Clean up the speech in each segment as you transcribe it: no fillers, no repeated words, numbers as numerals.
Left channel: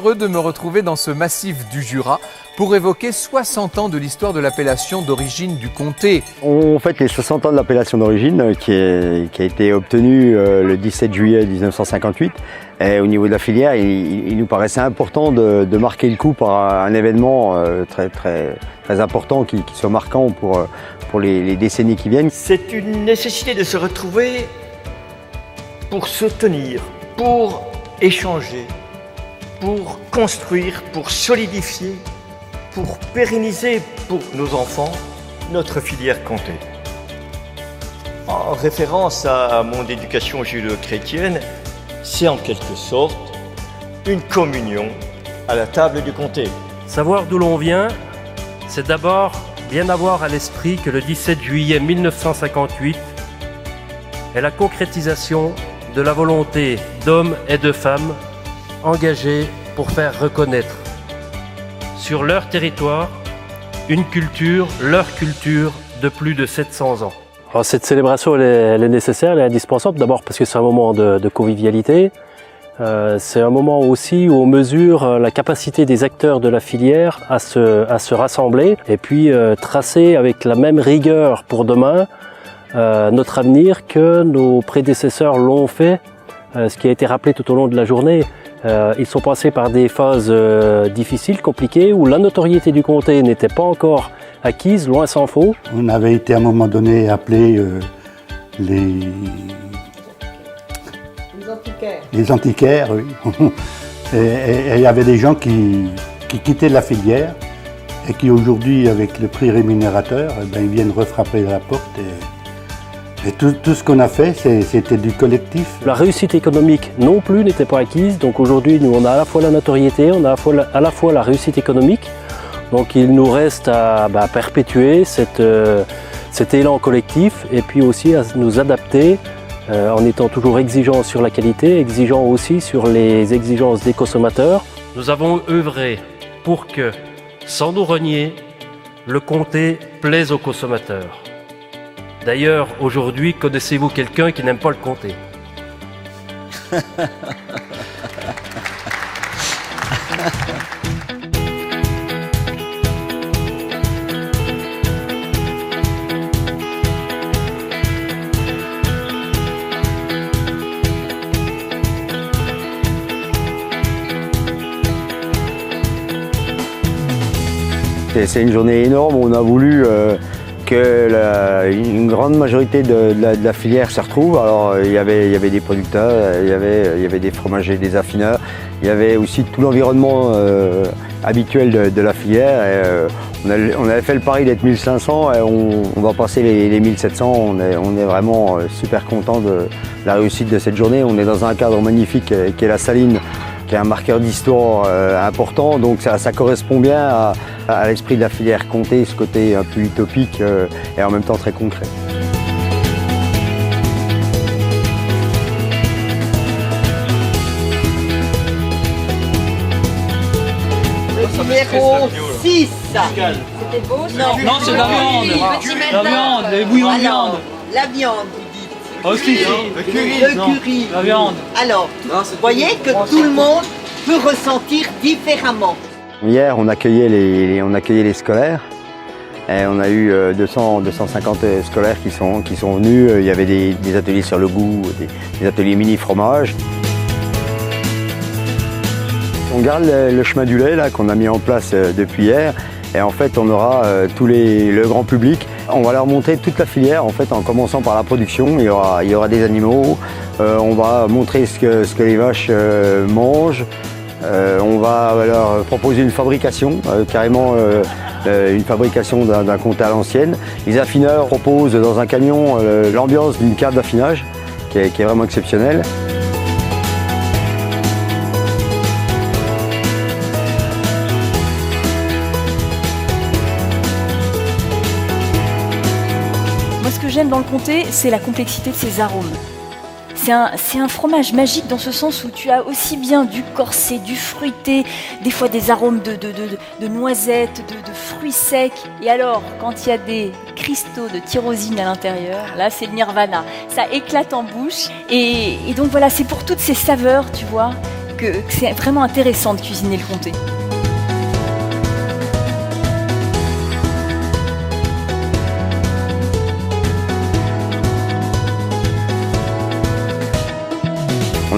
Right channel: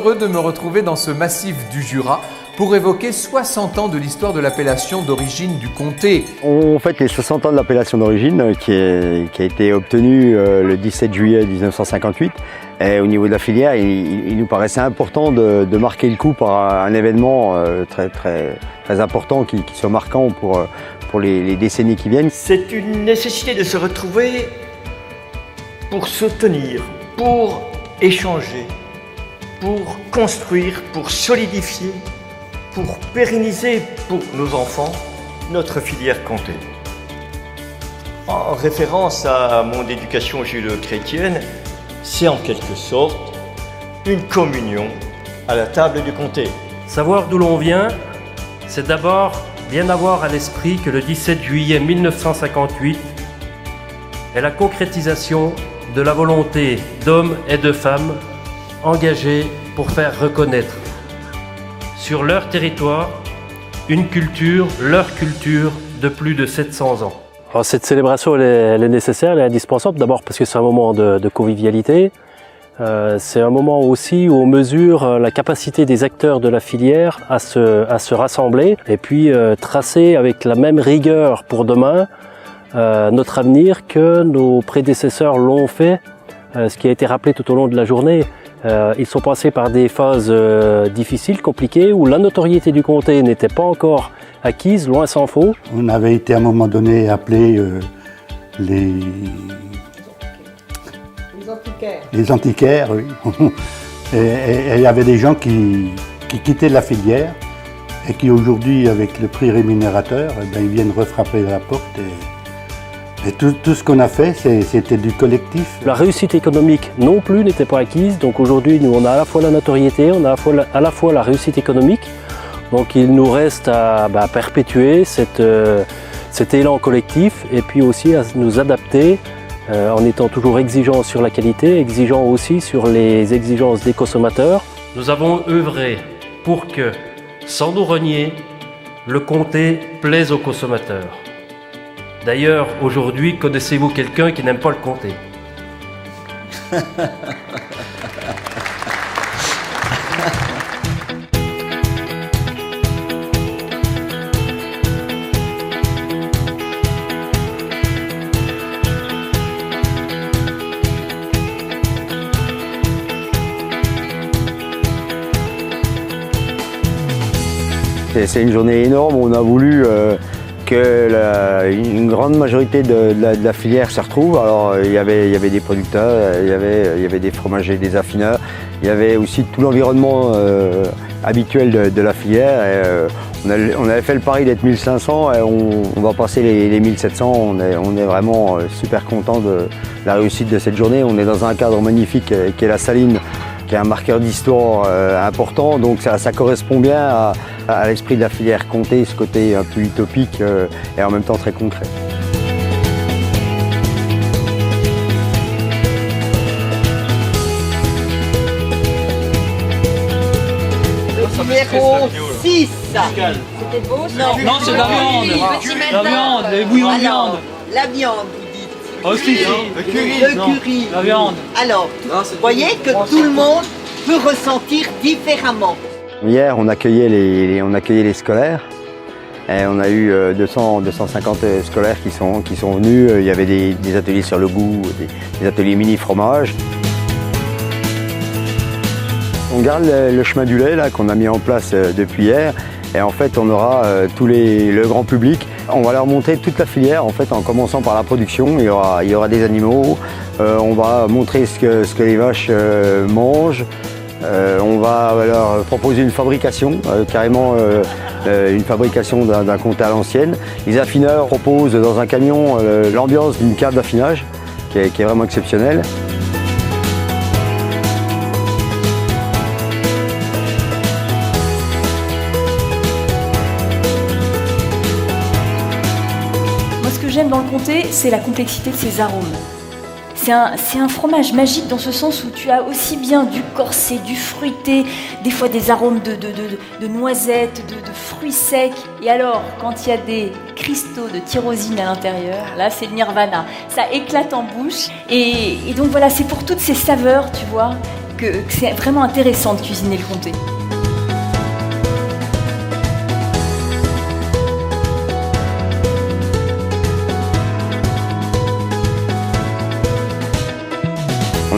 heureux de me retrouver dans ce massif du Jura pour évoquer 60 ans de l'histoire de l'appellation d'origine du comté. On fête les 60 ans de l'appellation d'origine qui a été obtenue le 17 juillet 1958. Et au niveau de la filière, il nous paraissait important de marquer le coup par un événement très important qui soit marquant pour les décennies qui viennent. Alors cette célébration elle est nécessaire, elle est indispensable, d'abord parce que c'est un moment de convivialité, c'est un moment aussi où on mesure la capacité des acteurs de la filière à se rassembler et puis tracer avec la même rigueur pour demain notre avenir que nos prédécesseurs l'ont fait, ce qui a été rappelé tout au long de la journée. Ils sont passés par des phases difficiles, compliquées, où la notoriété du comté n'était pas encore acquise, loin s'en faut. On avait été à un moment donné appelés les antiquaires, oui. Et il y avait des gens qui quittaient la filière et qui aujourd'hui, avec le prix rémunérateur, eh bien, ils viennent refrapper à la porte. Et tout ce qu'on a fait, c'était du collectif. La réussite économique non plus n'était pas acquise, donc aujourd'hui nous on a à la fois la notoriété, on a à la fois la réussite économique, donc il nous reste à perpétuer cet élan collectif et puis aussi à nous adapter en étant toujours exigeants sur la qualité, exigeants aussi sur les exigences des consommateurs. C'est une journée énorme, on a voulu que une grande majorité de la filière se retrouve. Alors il y avait des producteurs, il y avait des fromagers, des affineurs, il y avait aussi tout l'environnement habituel de la filière. Et, on avait fait le pari d'être 1500 et on va passer les 1700. On est vraiment super content de la réussite de cette journée. On est dans un cadre magnifique qui est la Saline, qui est un marqueur d'histoire important, donc ça correspond bien à l'esprit de la filière comté, ce côté un peu utopique et en même temps très concret. Numéro 6. C'était beau ça? Non, c'est de la viande. La viande, les bouillons de viande. La viande, vous dites. Oh si, le curry. la viande. Alors, vous voyez que tout le monde peut ressentir différemment. Hier, on accueillait les scolaires. Et on a eu 250 scolaires qui sont venus. Il y avait des ateliers sur le goût, des ateliers mini fromage. On garde le chemin du lait là qu'on a mis en place depuis hier. Et en fait, on aura le grand public. On va leur montrer toute la filière, en fait, en commençant par la production. Il y aura des animaux. On va montrer ce que les vaches mangent. On va leur proposer une fabrication, carrément une fabrication d'un comté à l'ancienne. Les affineurs proposent dans un camion l'ambiance d'une cave d'affinage qui est vraiment exceptionnelle.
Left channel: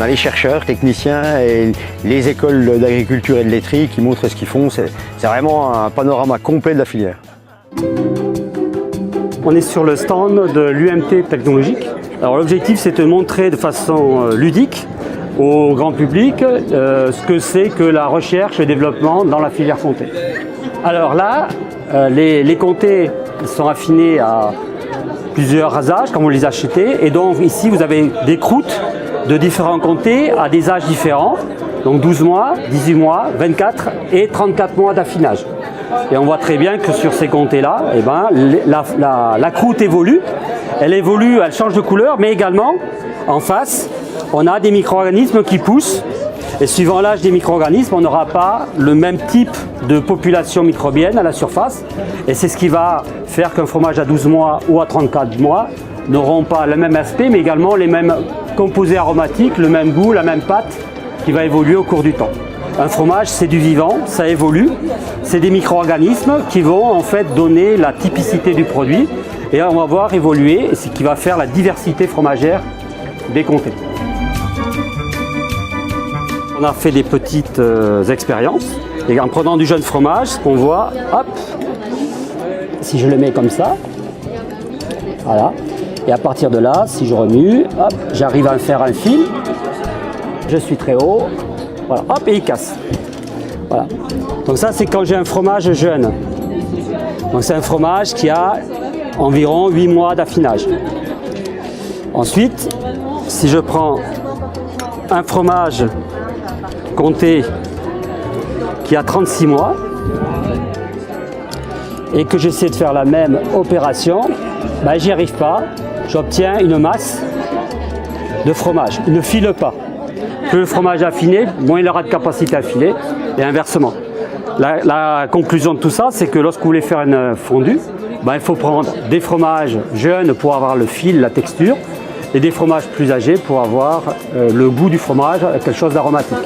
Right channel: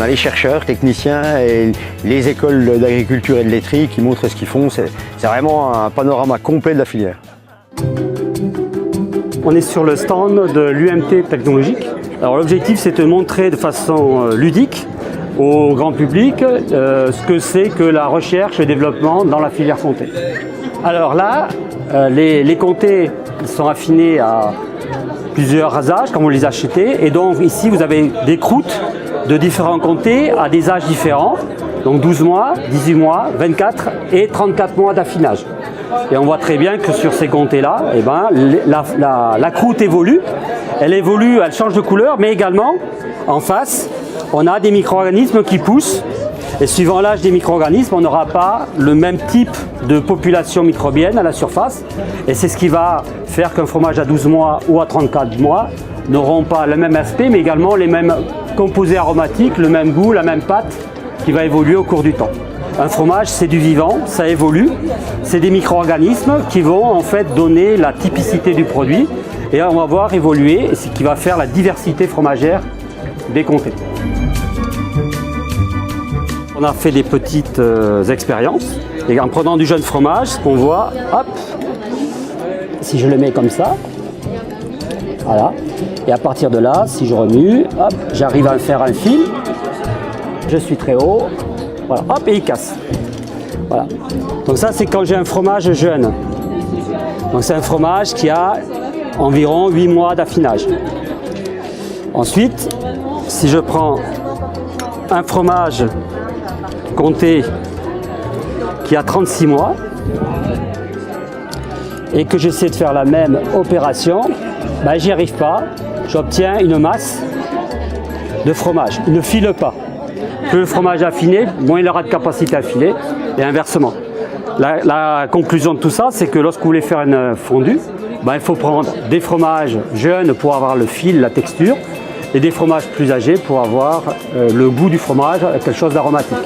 on a les chercheurs, techniciens et les écoles d'agriculture et de laiterie qui montrent ce qu'ils font. C'est vraiment un panorama complet de la filière. On est sur le stand de l'UMT technologique. Alors l'objectif, c'est de montrer de façon ludique au grand public ce que c'est que la recherche et le développement dans la filière comté. Alors là, les comtés sont affinés à plusieurs âges, comme vous les achetez. Et donc ici, vous avez des croûtes de différents comtés à des âges différents. Donc 12 mois, 18 mois, 24 et 34 mois d'affinage. Et on voit très bien que sur ces comtés-là, eh ben, la croûte évolue. Elle évolue, elle change de couleur, mais également, en face, on a des micro-organismes qui poussent. Et suivant l'âge des micro-organismes, on n'aura pas le même type de population microbienne à la surface. Et c'est ce qui va faire qu'un fromage à 12 mois ou à 34 mois n'auront pas le même aspect, mais également les mêmes composés aromatiques, le même goût, la même pâte qui va évoluer au cours du temps. Un fromage, c'est du vivant, ça évolue. C'est des micro-organismes qui vont en fait donner la typicité du produit. Et on va voir évoluer, et c'est ce qui va faire la diversité fromagère des comtés. On a fait des petites expériences. Et en prenant du jeune fromage, ce qu'on voit, hop, si je le mets comme ça, voilà. Et à partir de là, si je remue, hop, j'arrive à faire un fil. Je suis très haut, voilà, hop, et il casse. Voilà. Donc ça, c'est quand j'ai un fromage jeune. Donc c'est un fromage qui a environ 8 mois d'affinage. Ensuite, si je prends un fromage comté qui a 36 mois et que j'essaie de faire la même opération, ben, j'y arrive pas. J'obtiens une masse de fromage. Il ne file pas. Plus le fromage est affiné, moins il aura de capacité à filer, et inversement. La conclusion de tout ça, c'est que lorsque vous voulez faire une fondue, ben, il faut prendre des fromages jeunes pour avoir le fil, la texture, et des fromages plus âgés pour avoir le goût du fromage, quelque chose d'aromatique.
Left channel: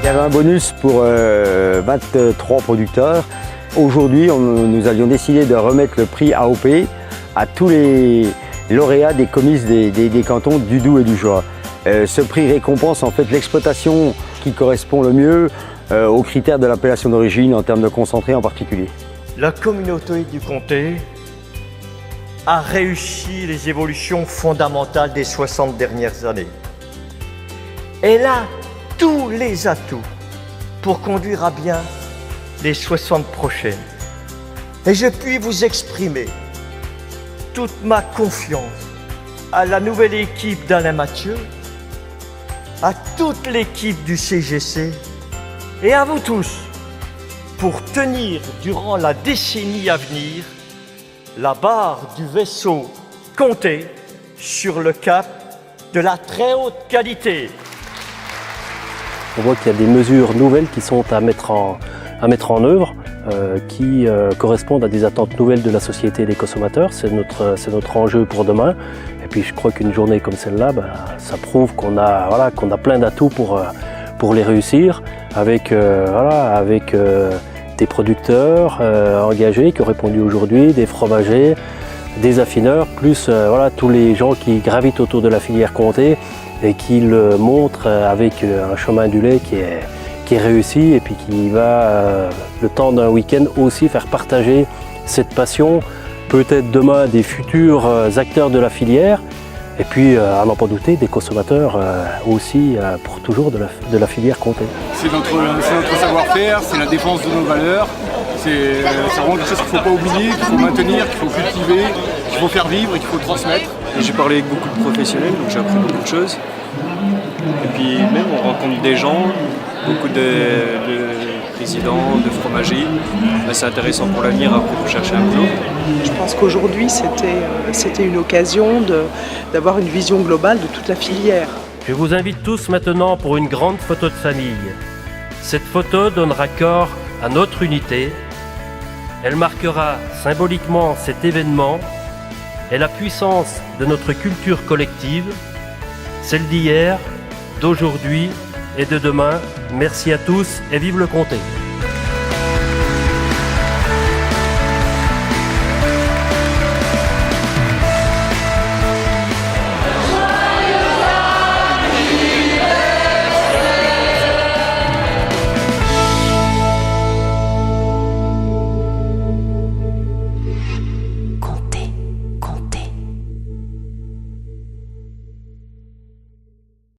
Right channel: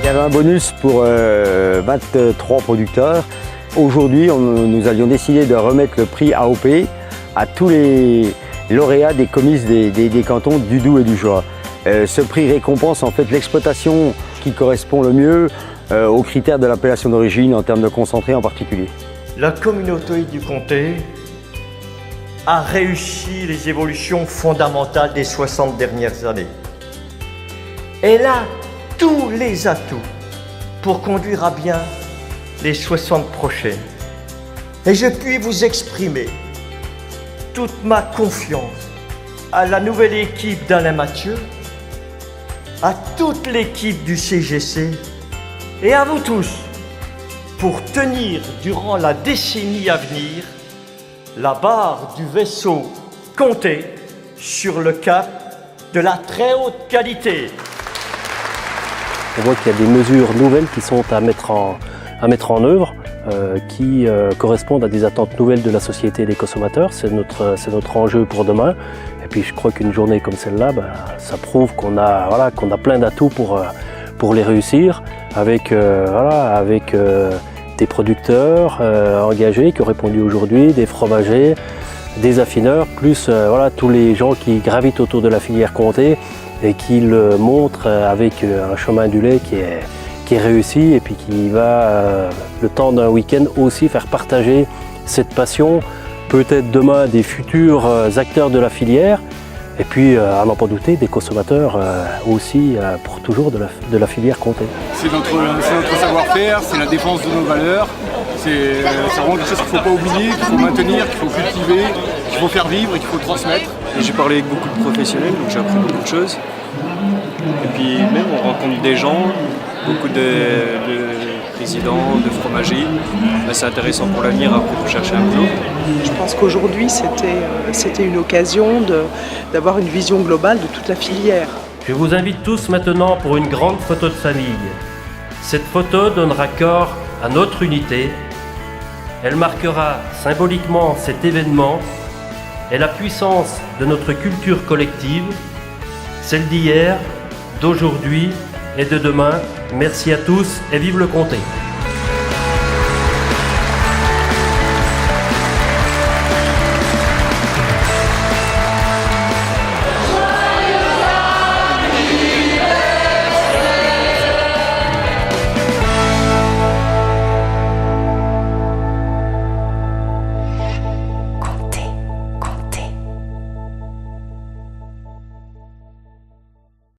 Il y avait un bonus pour 23 producteurs. Aujourd'hui, nous avions décidé de remettre le prix AOP à tous les lauréats des comices des cantons du Doubs et du Jura. Ce prix récompense en fait l'exploitation qui correspond le mieux aux critères de l'appellation d'origine en termes de concentré en particulier. Et je puis vous exprimer toute ma production à la nouvelle équipe de la nature, à toute l'équipe du CGC, la retenue pour tenir durant la dissémination la barre du resto compté sur le plan de la très haute qualité. On voit qu'il y a des mesures nouvelles qui sont à mettre en œuvre, qui correspondent à des attentes nouvelles de la société et des consommateurs. C'est notre enjeu pour demain. Et puis je crois qu'une journée comme celle-là, ça prouve qu'on a plein d'atouts pour les réussir, avec des producteurs engagés qui ont répondu aujourd'hui, des fromagers, des affineurs, plus tous les gens qui gravitent autour de la filière comté et qui le montrent avec un chemin du lait qui est réussi et puis qui va, le temps d'un week-end, aussi faire partager cette passion, peut-être demain des futurs acteurs de la filière et puis, à n'en pas douter, des consommateurs aussi pour toujours de la filière comté. C'est notre savoir-faire, c'est la défense de nos valeurs, c'est vraiment quelque chose qu'il ne faut pas oublier, qu'il faut maintenir, qu'il faut cultiver, qu'il faut faire vivre et qu'il faut transmettre. J'ai parlé avec beaucoup de professionnels, donc j'ai appris beaucoup de choses. Et puis même on rencontre des gens, beaucoup de présidents, de fromagers. C'est intéressant pour l'avenir après pour chercher un boulot. Je pense qu'aujourd'hui c'était une occasion d'avoir une vision globale de toute la filière. Cette photo donne à notre unité. On marquera symboliquement filière